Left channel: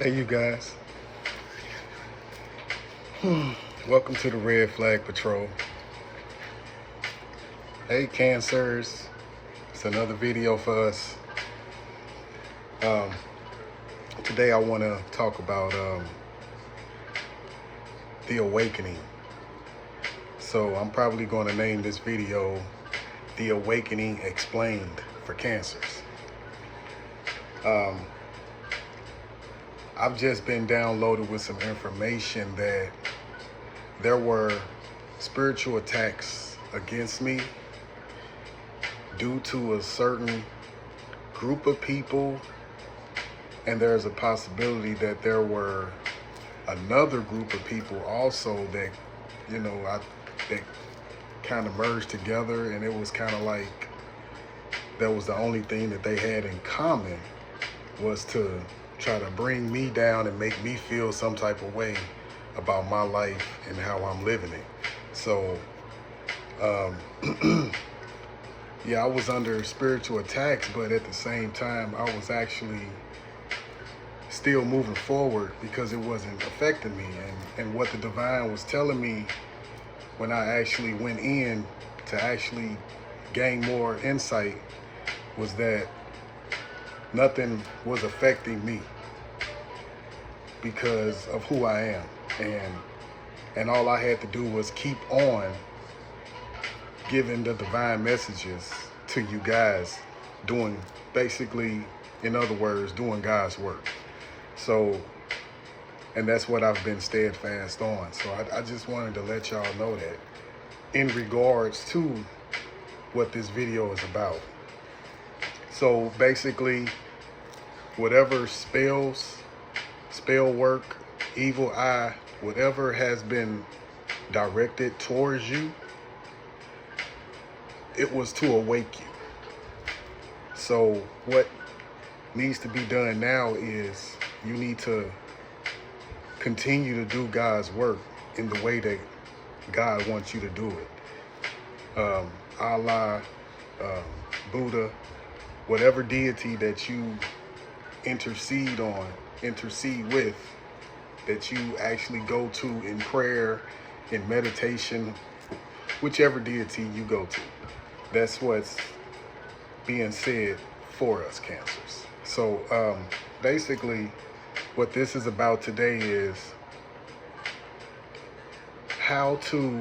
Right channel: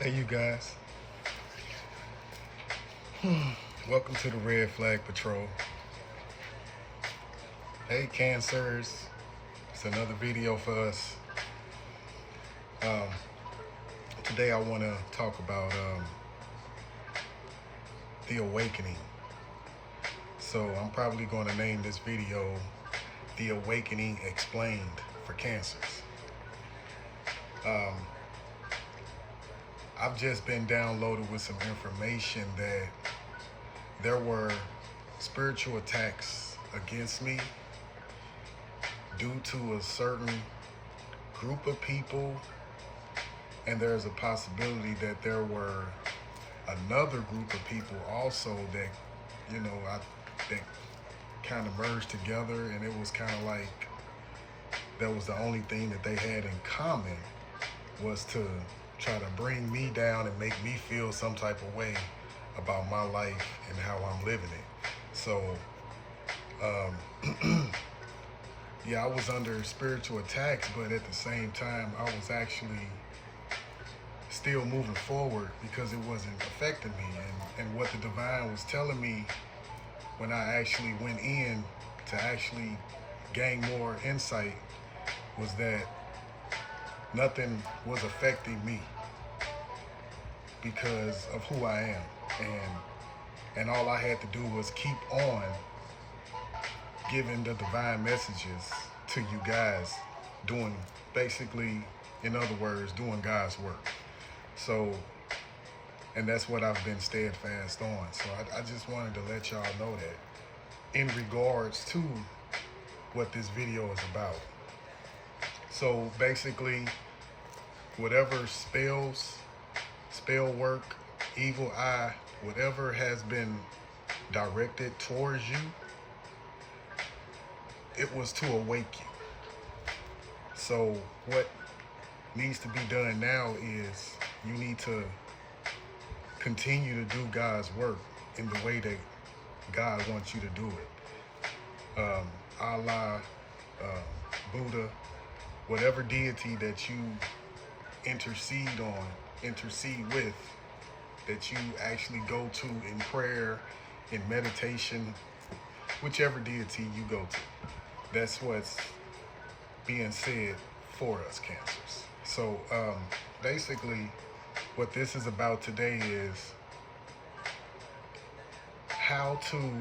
Hey, you guys. Welcome to the Red Flag Patrol. Hey, Cancers. It's another video for us. Today I want to talk about the awakening. So I'm probably going to name this video The Awakening Explained for Cancers. I've just been downloaded with some information that there were spiritual attacks against me due to a certain group of people, and there's a possibility that there were another group of people also that, that kind of merged together, and it was kind of like that was the only thing that they had in common was to try to bring me down and make me feel some type of way about my life and how I'm living it. So, yeah, I was under spiritual attacks, but at the same time, I was actually still moving forward because it wasn't affecting me. And what the divine was telling me when I actually went in to actually gain more insight was that nothing was affecting me because of who I am. And all I had to do was keep on giving the divine messages to you guys, doing basically, in other words, doing God's work. So, and that's what I've been steadfast on. So I just wanted to let y'all know that in regards to what this video is about. So basically, whatever spells, spell work, evil eye, whatever has been directed towards you, it was to awake you. So what needs to be done now is you need to continue to do God's work in the way that God wants you to do it. Allah, Buddha, whatever deity that you intercede with, that you actually go to in prayer, in meditation, whichever deity you go to. That's what's being said for us, Cancers. So basically what this is about today is how to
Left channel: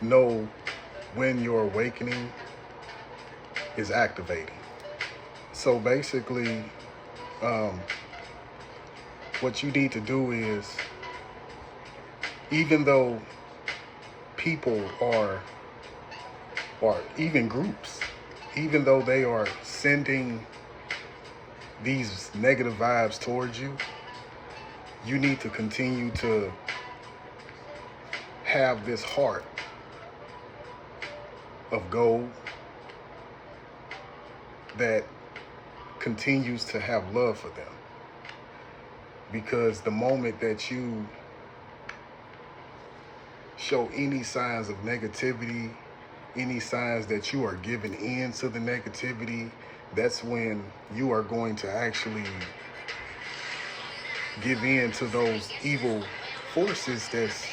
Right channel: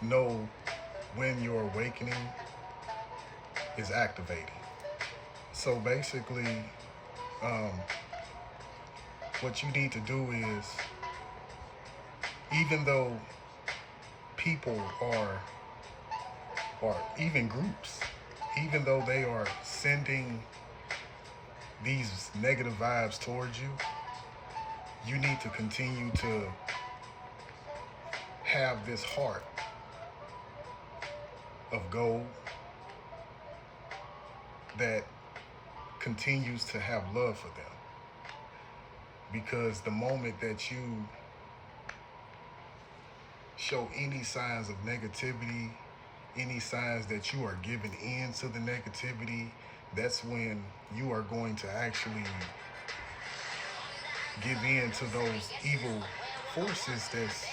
know when your awakening is activating. So basically, what you need to do is, even though people or even groups, even though they are sending these negative vibes towards you, you need to continue to have this heart of gold that continues to have love for them. Because the moment that you show any signs of negativity, any signs that you are giving in to the negativity, that's when you are going to actually give in to those evil forces that's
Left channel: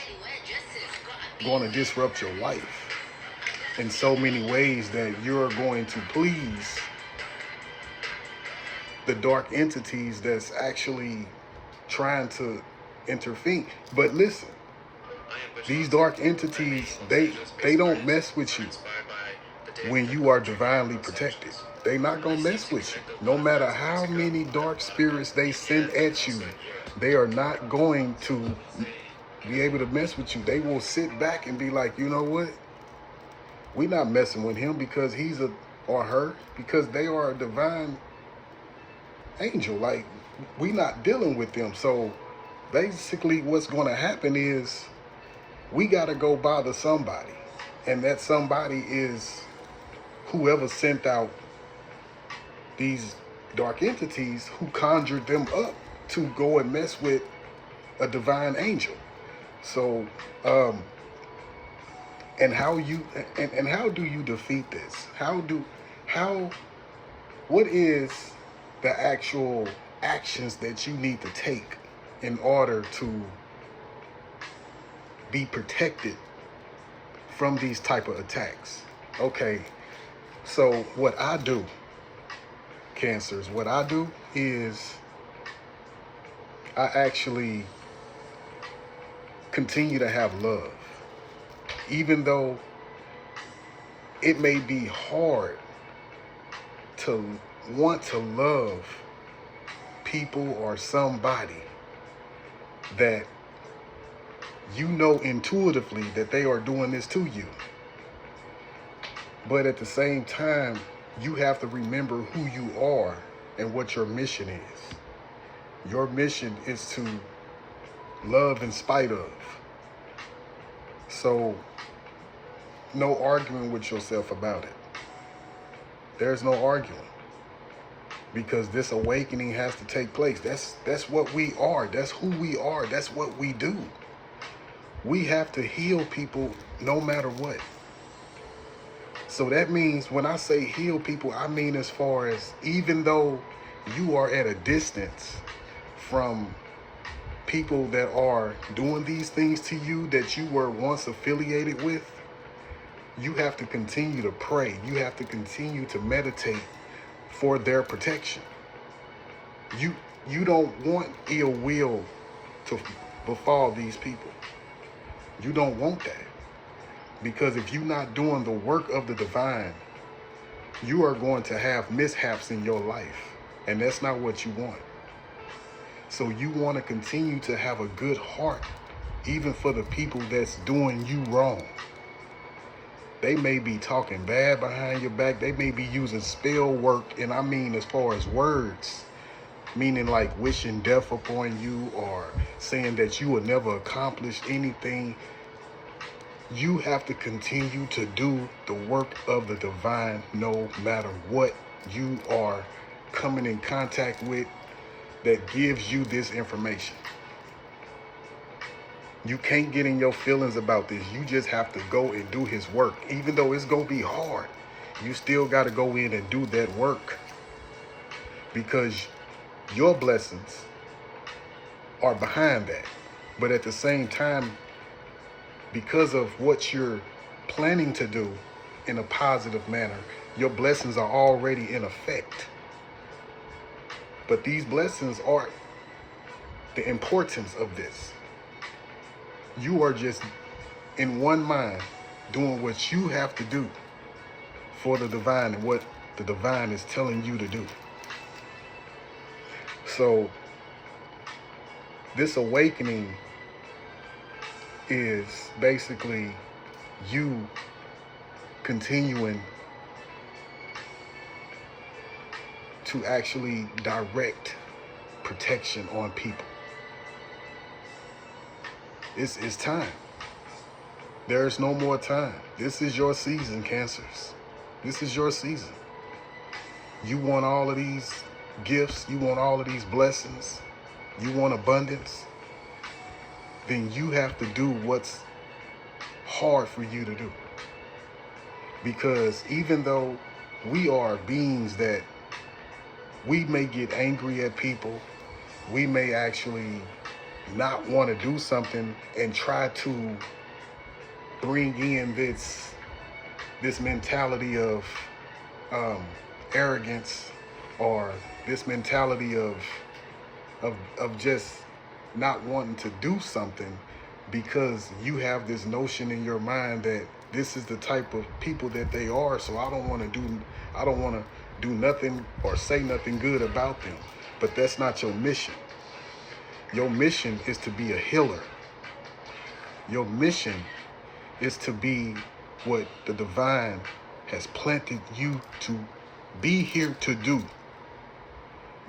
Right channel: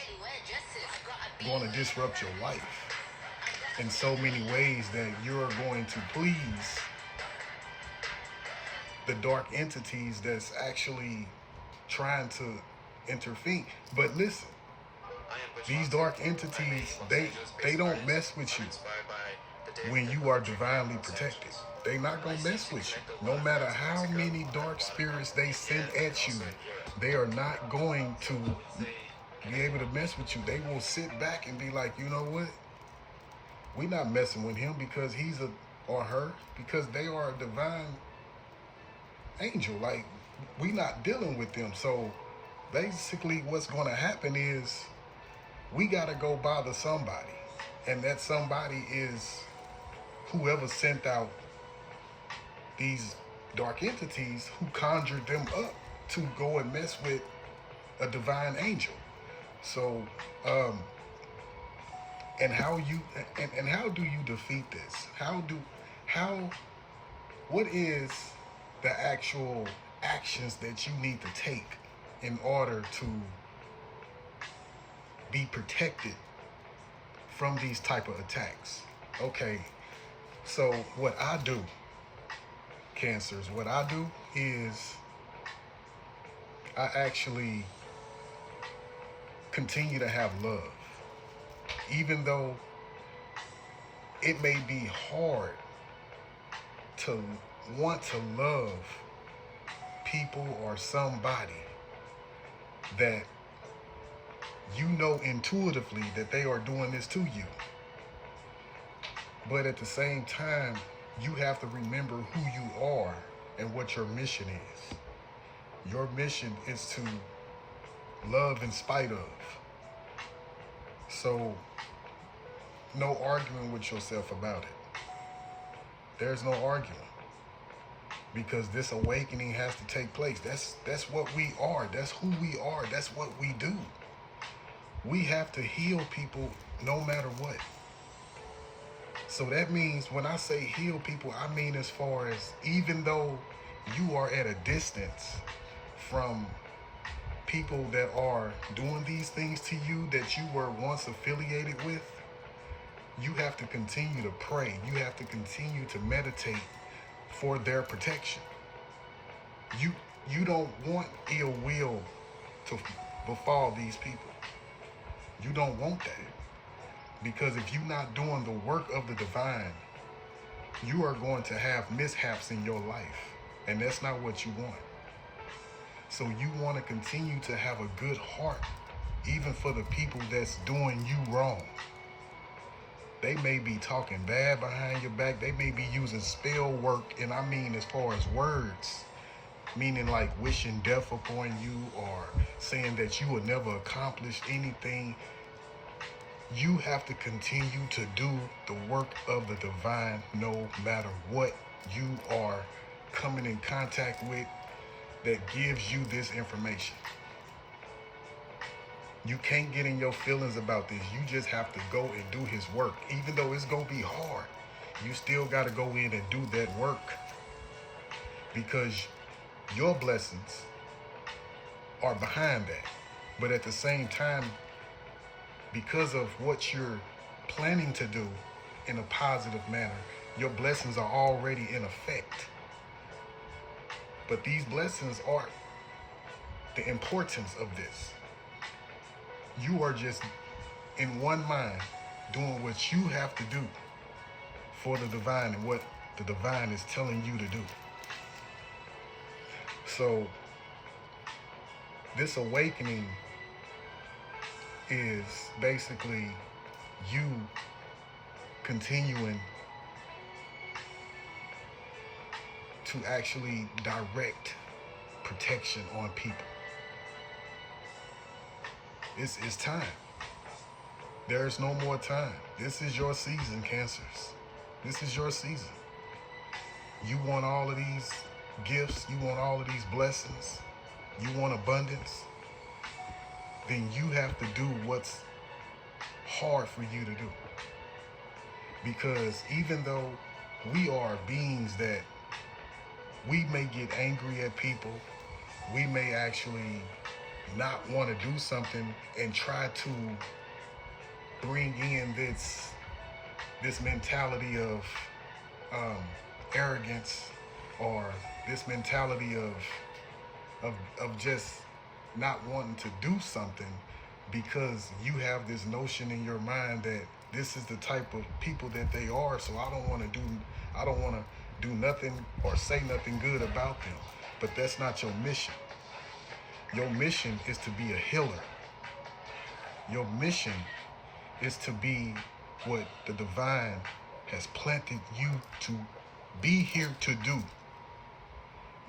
going to disrupt your life in so many ways that you're going to please the dark entities that's actually trying to intervene. But listen, these dark entities, they don't mess with you when you are divinely protected. They're not gonna mess with you. No matter how many dark spirits they send at you, they are not going to be able to mess with you. They will sit back and be like, you know what? We're not messing with him because he's or her, because they are a divine angel. Like, we not dealing with them. So basically what's going to happen is we got to go bother somebody, and that somebody is whoever sent out these dark entities who conjured them up to go and mess with a divine angel. So and how do you defeat this? What is the actual actions that you need to take in order to be protected from these type of attacks. Okay, so what I do, Cancers, what I do is I actually continue to have love. Even though it may be hard to want to love people or somebody that you know intuitively that they are doing this to you. But at the same time, you have to remember who you are and what your mission is. Your mission is to love in spite of. So, no arguing with yourself about it. There's no arguing. Because this awakening has to take place. That's what we are. That's who we are. That's what we do. We have to heal people no matter what. So that means when I say heal people, I mean as far as even though you are at a distance from people that are doing these things to you that you were once affiliated with, you have to continue to pray. You have to continue to meditate for their protection. You don't want ill will to befall these people. You don't want that. Because if you're not doing the work of the divine, you are going to have mishaps in your life. And that's not what you want. So you want to continue to have a good heart, even for the people that's doing you wrong. They may be talking bad behind your back. They may be using spell work, and I mean as far as words, meaning like wishing death upon you or saying that you will never accomplish anything. You have to continue to do the work of the divine no matter what you are coming in contact with that gives you this information. You can't get in your feelings about this. You just have to go and do his work. Even though it's going to be hard, you still got to go in and do that work. Because your blessings are behind that. But at the same time, because of what you're planning to do in a positive manner, your blessings are already in effect. But these blessings are the importance of this. You are just in one mind doing what you have to do for the divine and what the divine is telling you to do. So this awakening is basically you continuing to actually direct protection on people. It's time. There's no more time. This is your season, Cancers. This is your season. You want all of these gifts. You want all of these blessings. You want abundance. Then you have to do what's hard for you to do. Because even though we are beings that we may get angry at people, we may actually not want to do something and try to bring in this mentality of arrogance, or this mentality of just not wanting to do something because you have this notion in your mind that this is the type of people that they are, so I don't want to do nothing or say nothing good about them. But that's not your mission. Your mission is to be a healer. Your mission is to be what the divine has planted you to be here to do.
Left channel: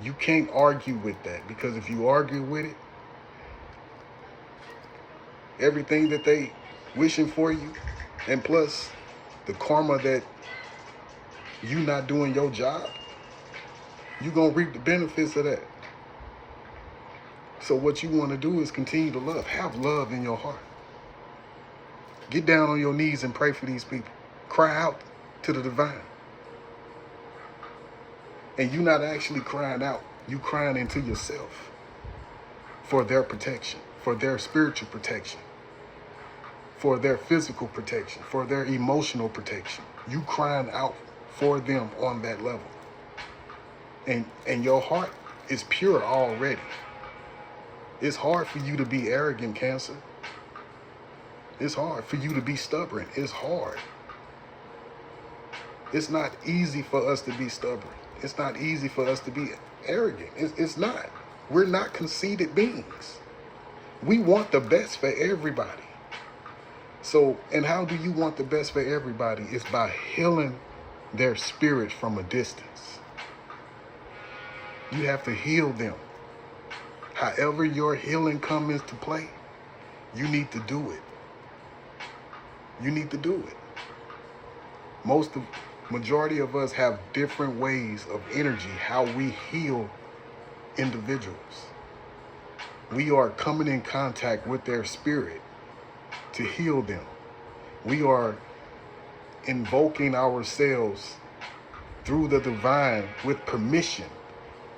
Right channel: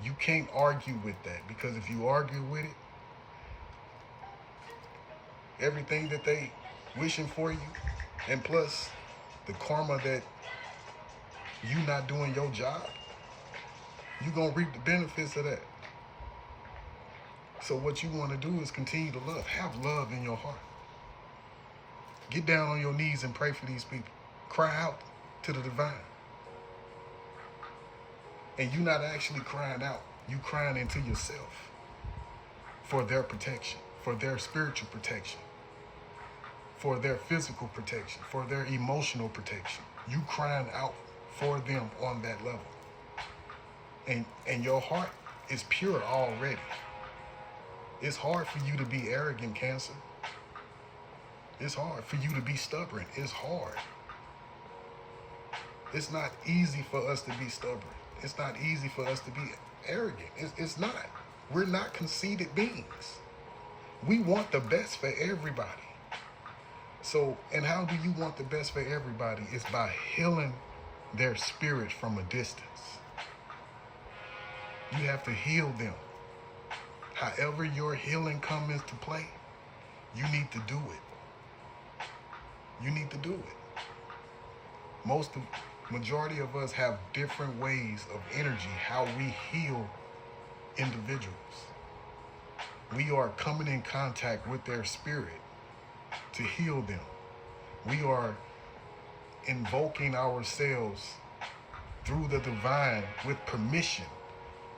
You can't argue with that, because if you argue with it, everything that they wishing for you, and plus the karma that you not doing your job, you're going to reap the benefits of that. So what you want to do is continue to love. Have love in your heart. Get down on your knees and pray for these people. Cry out to the divine. And you're not actually crying out You crying into yourself for their protection, for their spiritual protection, for their physical protection, for their emotional protection. You crying out for them on that level. And your heart is pure already. It's hard for you to be arrogant, Cancer. It's hard for you to be stubborn. It's hard. It's not easy for us to be stubborn. It's not easy for us to be arrogant. It's not. We're not conceited beings. We want the best for everybody. So, and how do you want the best for everybody? It's by healing their spirit from a distance. You have to heal them. However your healing comes into play, you need to do it. You need to do it. Majority of us have different ways of energy, how we heal individuals. We are coming in contact with their spirit to heal them. We are invoking ourselves through the divine with permission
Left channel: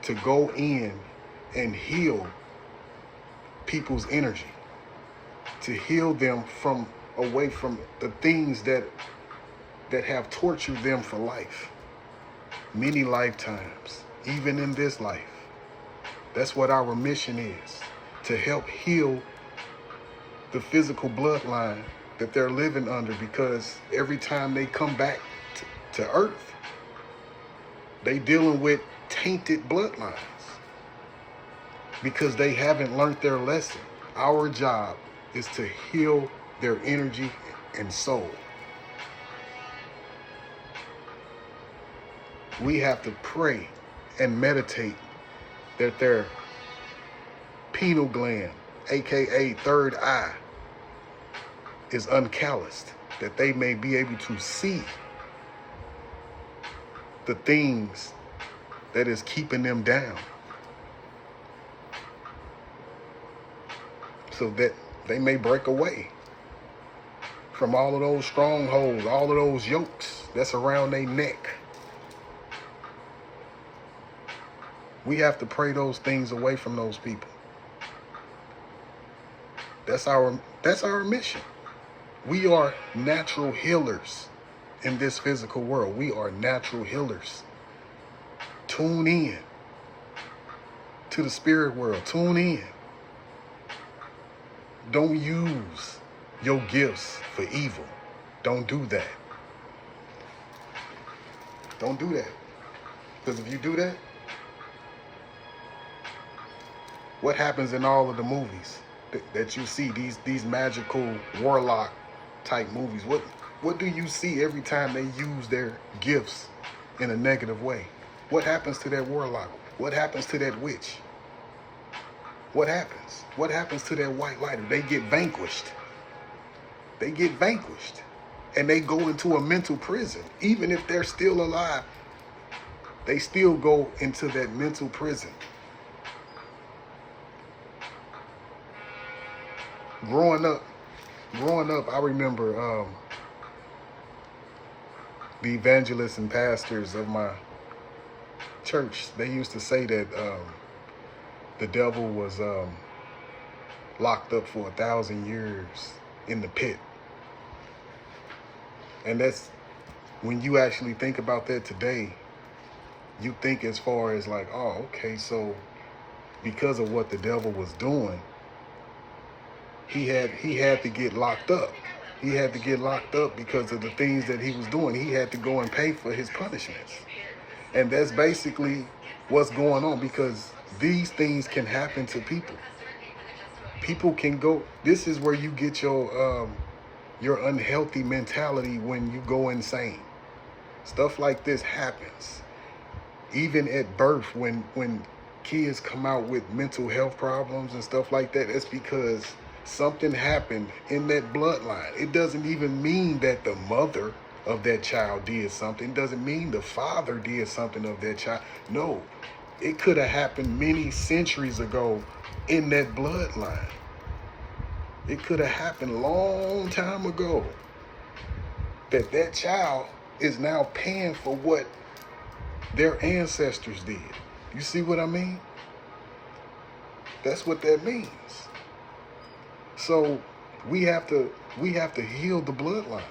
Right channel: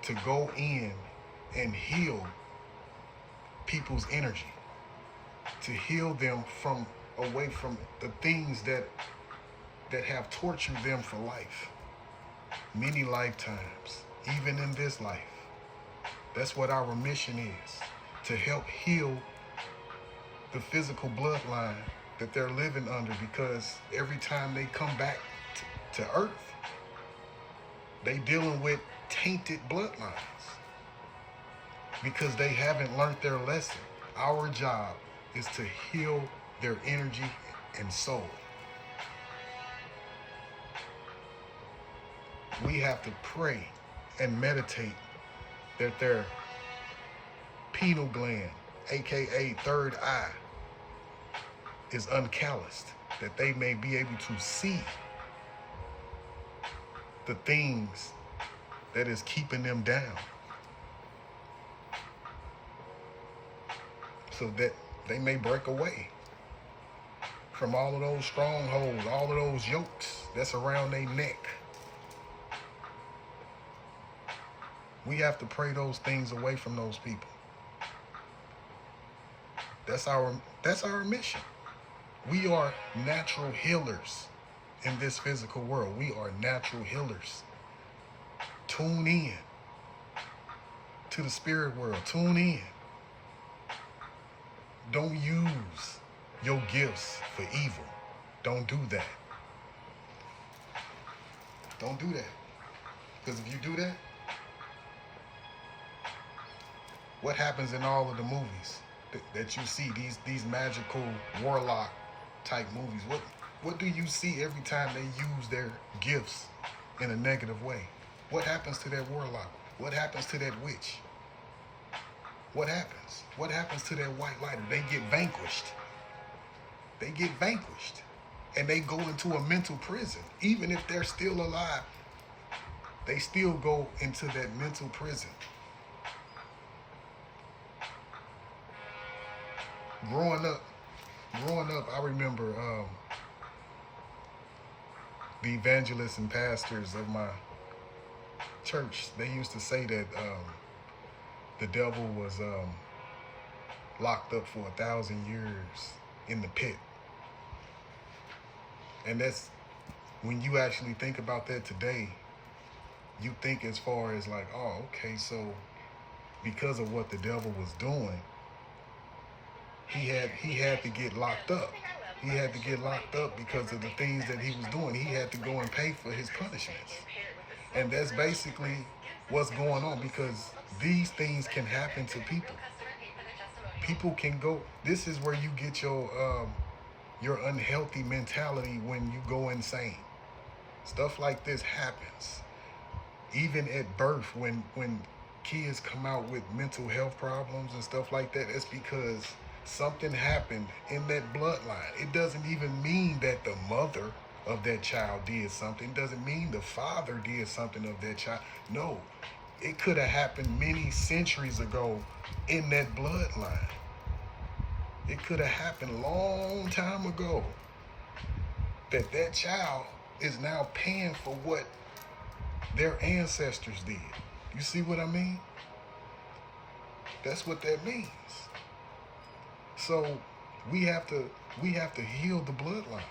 to go in and heal people's energy, to heal them from away from the things that have tortured them for life, many lifetimes, even in this life. That's what our mission is, to help heal the physical bloodline that they're living under, because every time they come back to Earth, they dealing with tainted bloodlines because they haven't learned their lesson. Our job is to heal their energy and soul. We have to pray and meditate that their pineal gland, aka third eye, is uncalloused, that they may be able to see the things that is keeping them down, so that they may break away from all of those strongholds, all of those yokes that's around their neck. We have to pray those things away from those people. That's our mission. We are natural healers in this physical world. We are natural healers. Tune in to the spirit world. Tune in. Don't use your gifts for evil. Don't do that. Don't do that. Because if you do that, what happens in all of the movies that you see, these magical warlock type movies, what do you see every time they use their gifts in a negative way? What happens to that warlock? What happens to that witch? What happens? What happens to that white lighter? They get vanquished. They get vanquished. And they go into a mental prison. Even if they're still alive, they still go into that mental prison. Growing up, I remember the evangelists and pastors of my church, they used to say that the devil was locked up for 1,000 years in the pit. And that's, when you actually think about that today, you think as far as like, oh, okay, so because of what the devil was doing, he had to get locked up. He had to get locked up because of the things that he was doing. He had to go and pay for his punishments. And that's basically what's going on, because these things can happen to people. People can go, this is where you get your unhealthy mentality when you go insane. Stuff like this happens. Even at birth, when kids come out with mental health problems and stuff like that, it's because something happened in that bloodline. It doesn't even mean that the mother of that child did something. It doesn't mean the father did something of that child. No, it could have happened many centuries ago in that bloodline. It could have happened a long time ago that child is now paying for what their ancestors did. You see what I mean? That's what that means. So we have to heal the bloodline.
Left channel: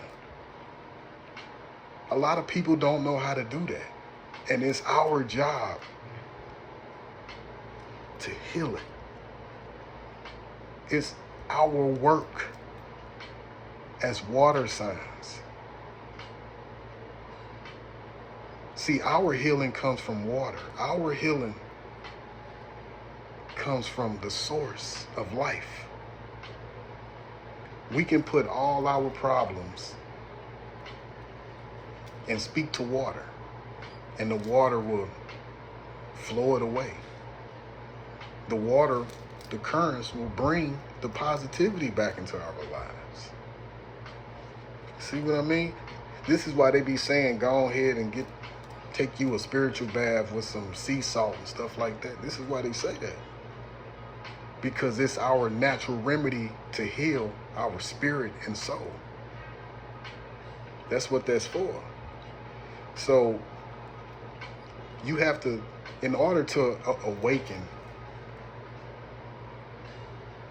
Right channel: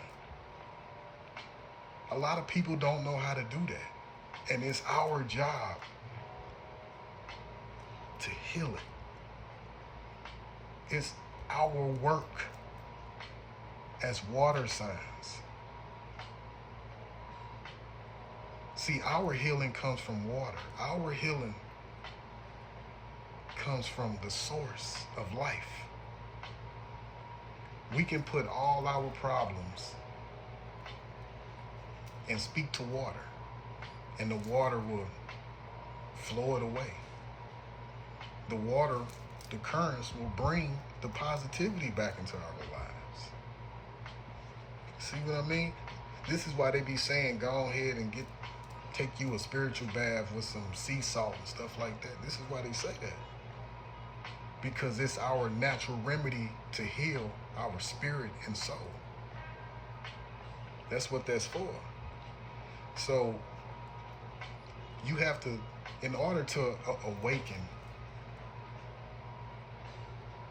A lot of people don't know how to do that. And it's our job to heal it. It's our work as water signs. See, our healing comes from water. Our healing comes from the source of life. We can put all our problems and speak to water, and the water will flow it away. The water, the currents will bring the positivity back into our lives. See what I mean? This is why they be saying, go ahead and take you a spiritual bath with some sea salt and stuff like that. This is why they say that. Because it's our natural remedy to heal our spirit and soul. That's what that's for. So you have to, in order to awaken,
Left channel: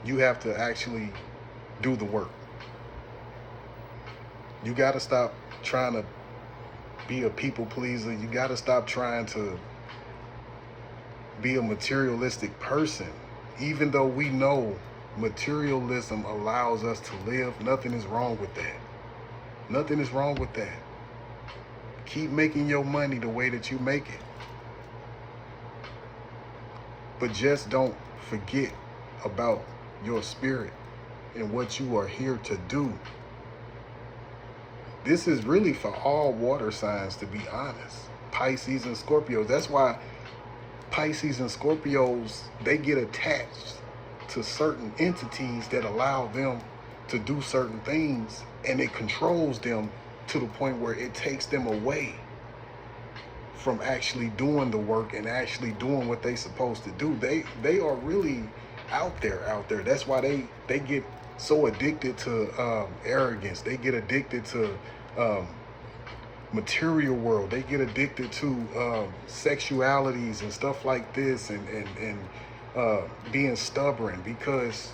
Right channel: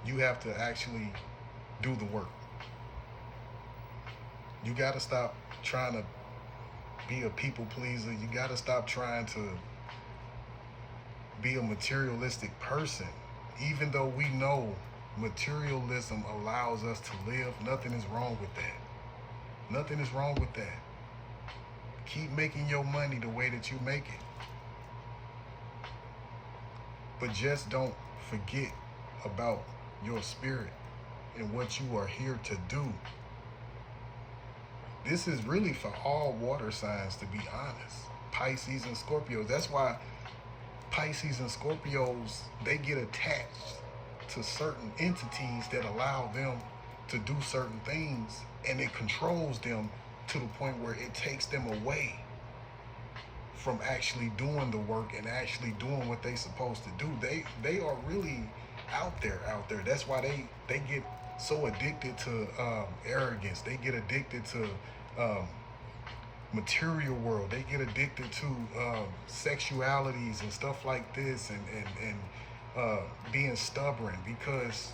you have to actually do the work. You got to stop trying to be a people pleaser. You got to stop trying to be a materialistic person. Even though we know materialism allows us to live, nothing is wrong with that. Nothing is wrong with that. Keep making your money the way that you make it. But just don't forget about your spirit and what you are here to do. This is really for all water signs, to be honest. Pisces and Scorpios. That's why Pisces and Scorpios, they get attached to certain entities that allow them to do certain things, and it controls them to the point where it takes them away from actually doing the work and actually doing what they're supposed to do. They are really out there. That's why they get so addicted to arrogance. They get addicted to material world. They get addicted to sexualities and stuff like this, and being stubborn, because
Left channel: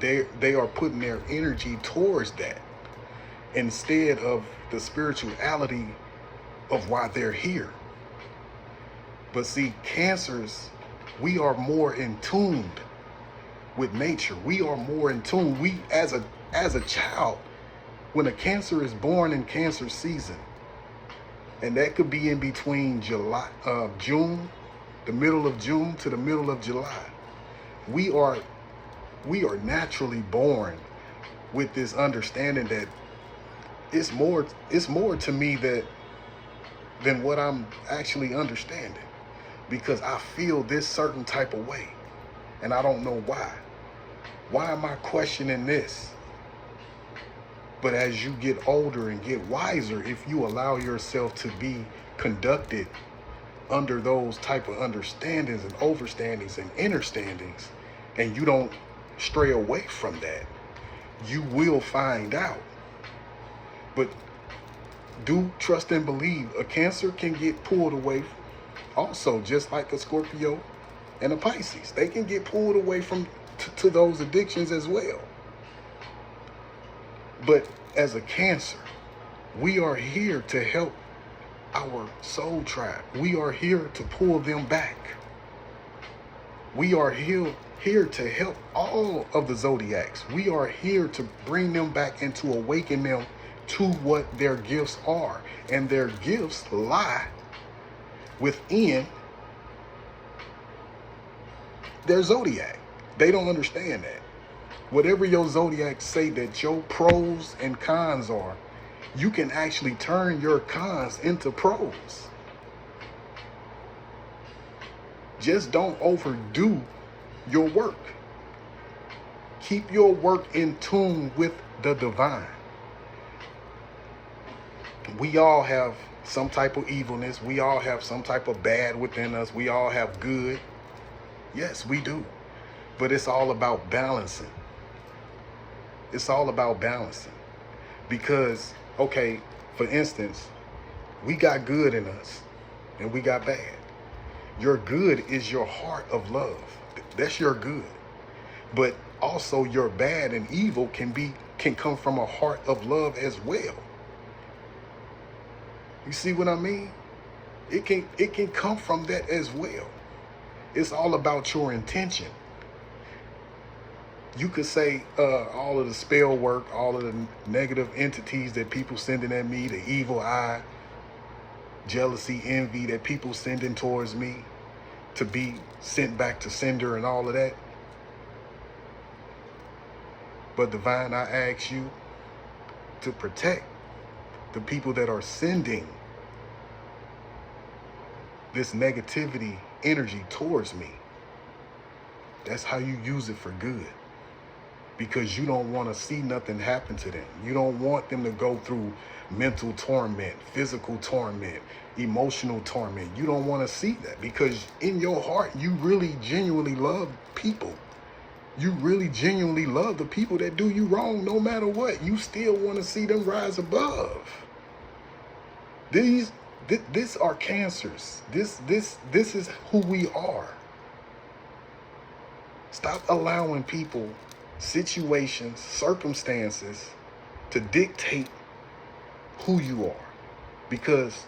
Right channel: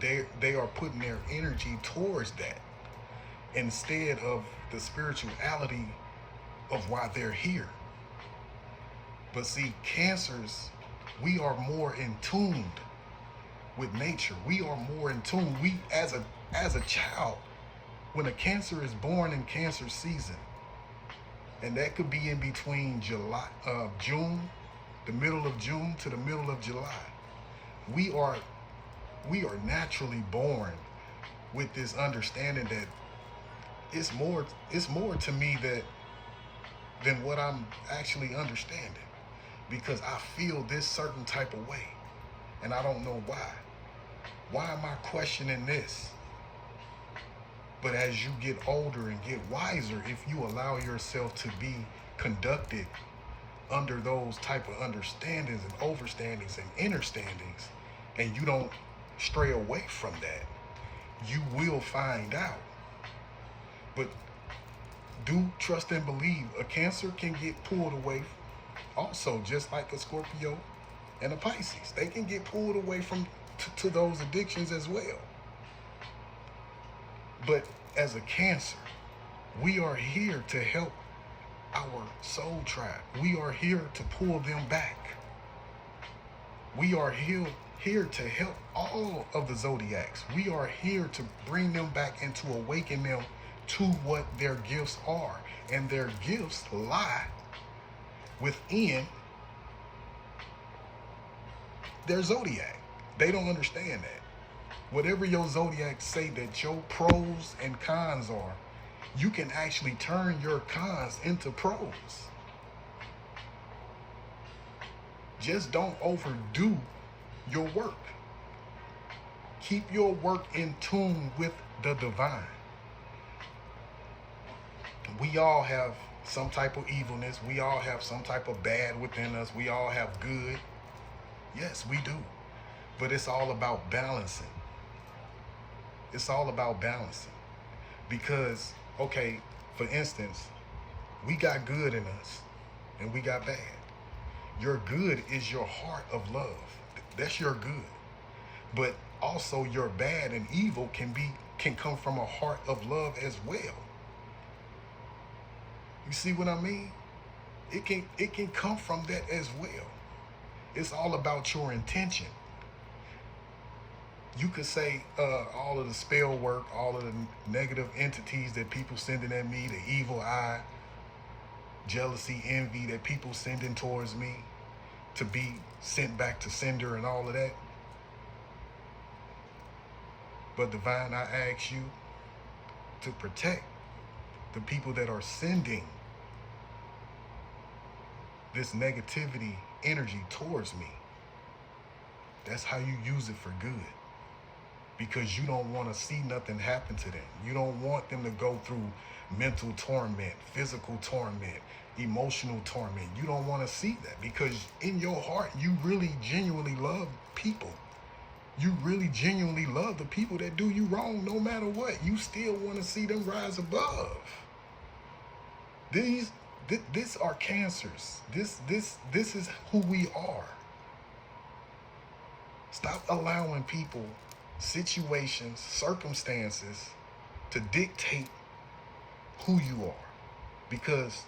they are putting their energy towards that instead of the spirituality of why they're here. But see, Cancers, we are more in tune with nature. We are more in tune. We, as a child, when a Cancer is born in Cancer season, and that could be in between June, the middle of June to the middle of July, we are naturally born with this understanding that it's more to me than what I'm actually understanding, because I feel this certain type of way and I don't know why. Why am I questioning this? But as you get older and get wiser, if you allow yourself to be conducted under those type of understandings and overstandings and understandings, and you don't stray away from that, you will find out. But do trust and believe, a Cancer can get pulled away also, just like a Scorpio and a Pisces. They can get pulled away from to those addictions as well. But as a Cancer, we are here to help our soul tribe. We are here to pull them back. We are here to help all of the zodiacs. We are here to bring them back and to awaken them to what their gifts are. And their gifts lie within their zodiac. They don't understand that. Whatever your zodiac say that your pros and cons are, you can actually turn your cons into pros. Just don't overdo your work. Keep your work in tune with the divine. We all have some type of evilness. We all have some type of bad within us. We all have good. Yes, we do. But it's all about balancing. It's all about balancing. Because, okay, for instance, we got good in us and we got bad. Your good is your heart of love. That's your good. But also your bad and evil can come from a heart of love as well. You see what I mean? It can come from that as well. It's all about your intention. You could say all of the spell work, all of the negative entities that people sending at me, the evil eye, jealousy, envy that people sending towards me to be sent back to sender and all of that. But divine, I ask you to protect the people that are sending this negativity energy towards me. That's how you use it for good. Because you don't want to see nothing happen to them. You don't want them to go through mental torment, physical torment, emotional torment. You don't want to see that, because in your heart, you really genuinely love people. You really genuinely love the people that do you wrong. No matter what, you still want to see them rise above. These are cancers. This is who we are. Stop allowing people, situations, circumstances to dictate who you are. Because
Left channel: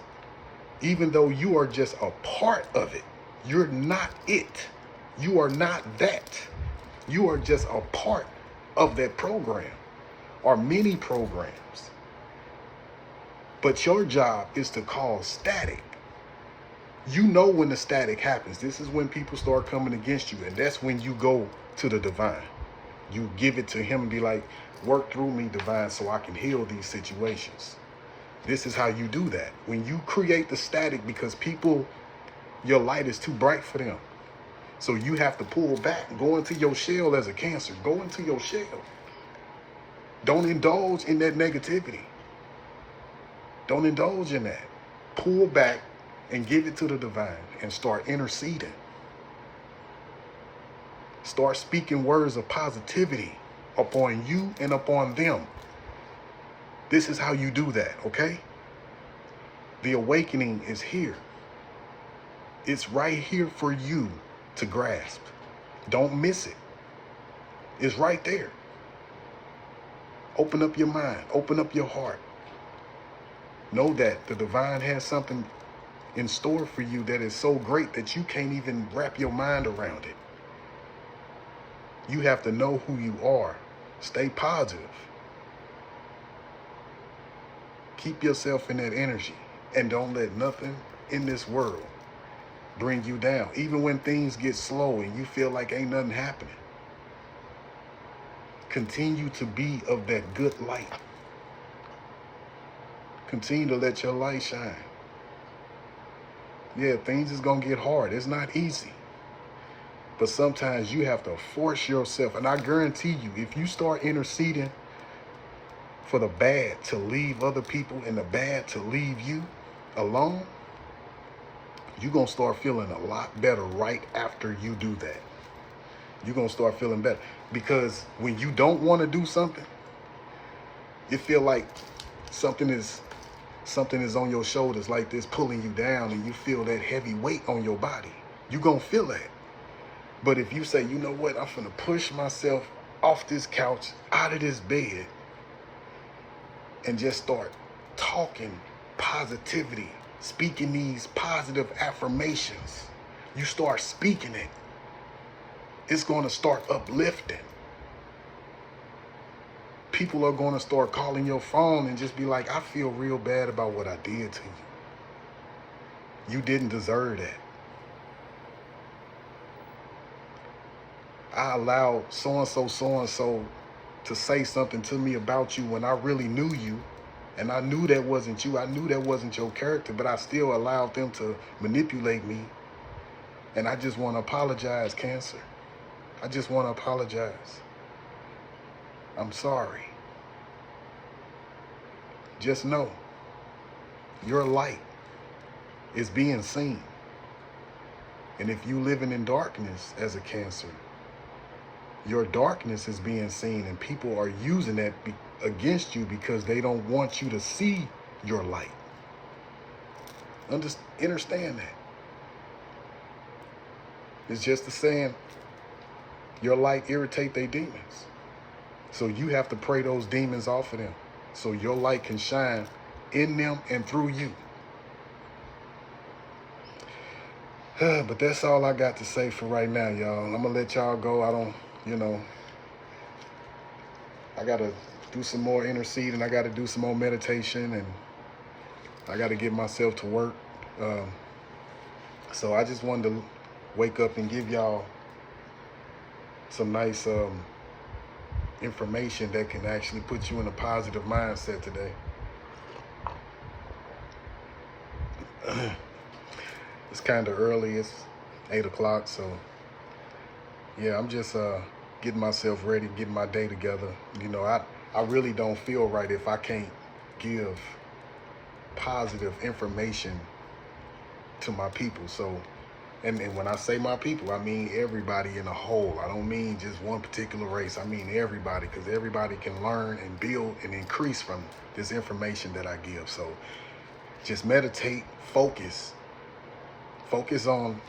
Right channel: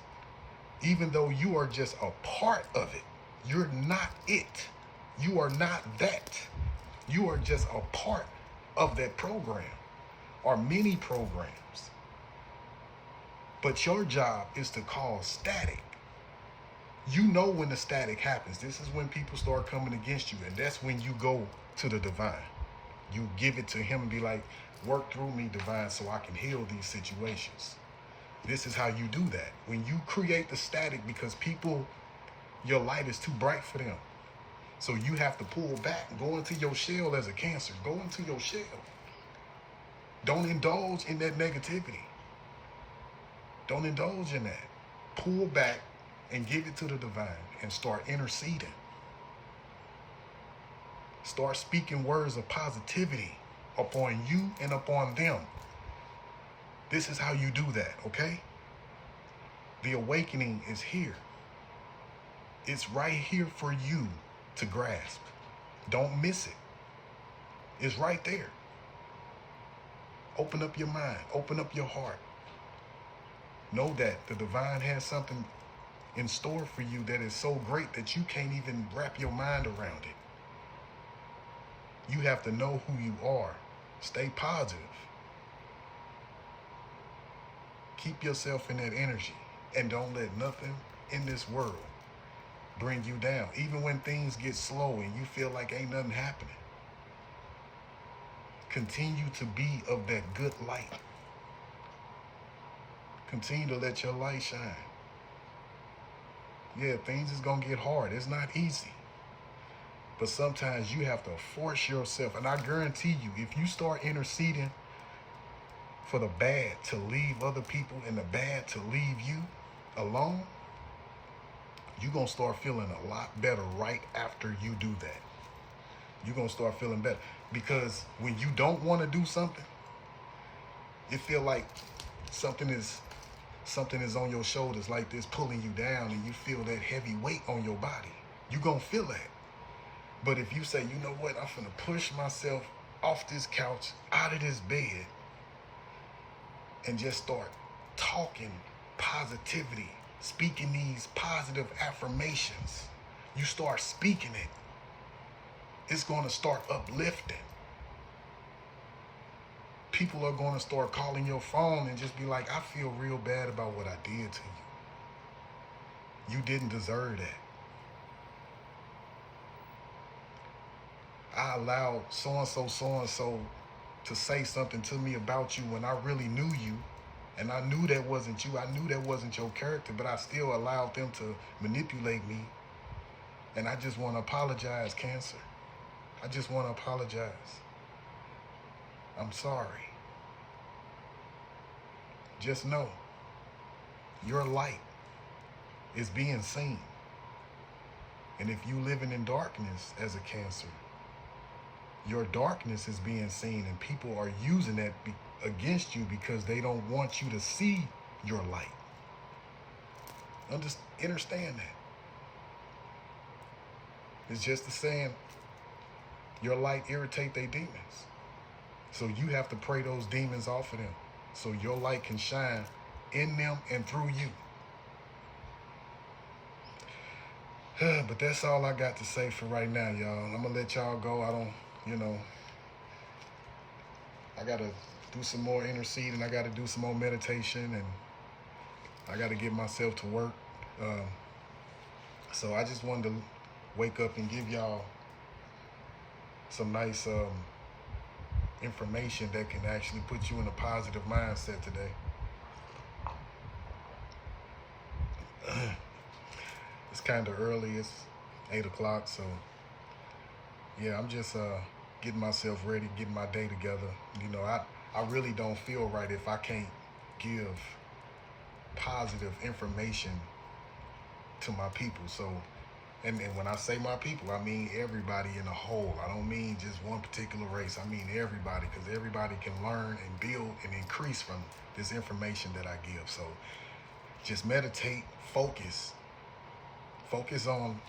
even though you are just a part of it, you're not it. You are not that. You are just a part of that program or many programs. But your job is to cause static. You know when the static happens. This is when people start coming against you, and that's when you go to the divine. You give it to him and be like, work through me, divine, so I can heal these situations. This is how you do that. When you create the static, because people, your light is too bright for them. So you have to pull back, go into your shell as a Cancer. Go into your shell. Don't indulge in that negativity. Don't indulge in that. Pull back and give it to the divine and start interceding. Start speaking words of positivity upon you and upon them. This is how you do that, okay? The awakening is here. It's right here for you to grasp. Don't miss it. It's right there. Open up your mind. Open up your heart. Know that the divine has something in store for you that is so great that you can't even wrap your mind around it. You have to know who you are. Stay positive. Keep yourself in that energy, and don't let nothing in this world bring you down. Even when things get slow and you feel like ain't nothing happening, continue to be of that good light. Continue to let your light shine. Yeah, things is gonna get hard. It's not easy. But sometimes you have to force yourself. And I guarantee you, if you start interceding for the bad to leave other people and the bad to leave you alone, you're going to start feeling a lot better right after you do that. You're going to start feeling better. Because when you don't want to do something, you feel like something is on your shoulders like this pulling you down, and you feel that heavy weight on your body. You're going to feel that. But if you say, you know what, I'm finna push myself off this couch, out of this bed, and just start talking positivity, speaking these positive affirmations, you start speaking it, it's gonna start uplifting. People are gonna start calling your phone and just be like, I feel real bad about what I did to you. You didn't deserve that. I allowed so-and-so to say something to me about you when I really knew you, and I knew that wasn't you. I knew that wasn't your character, but I still allowed them to manipulate me. And I just want to apologize, Cancer. I just want to apologize. I'm sorry. Just know your light is being seen. And if you living in darkness as a Cancer, your darkness is being seen, and people are using that against you because they don't want you to see your light. Understand that. It's just the saying, your light irritate their demons. So you have to pray those demons off of them so your light can shine in them and through you. But that's all I got to say for right now, y'all. I'm going to let y'all go. I got to do some more interceding. I got to do some more meditation, and I got to get myself to work. So I just wanted to wake up and give y'all some nice information that can actually put you in a positive mindset today. It's kind of early. It's 8 o'clock. So yeah, I'm just getting myself ready, getting my day together. I really don't feel right if I can't give positive information to my people. So, and when I say my people, I mean everybody in a whole. I don't mean just one particular race. I mean everybody, because everybody can learn and build and increase from this information that I give. So just meditate, focus on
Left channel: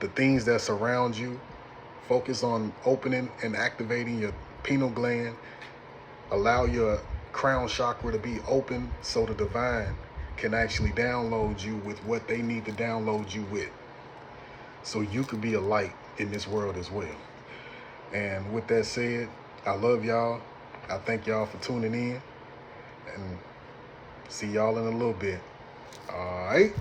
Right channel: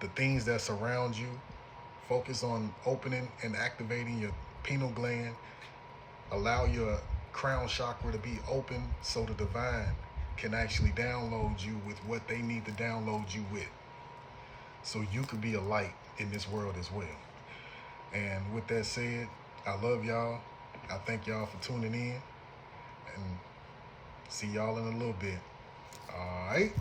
the things that surround you. Focus on opening and activating your pineal gland. Allow your crown chakra to be open so the divine can actually download you with what they need to download you with, so you could be a light in this world as well. And with that said, I love y'all. I thank y'all for tuning in, and see y'all in a little bit. All right.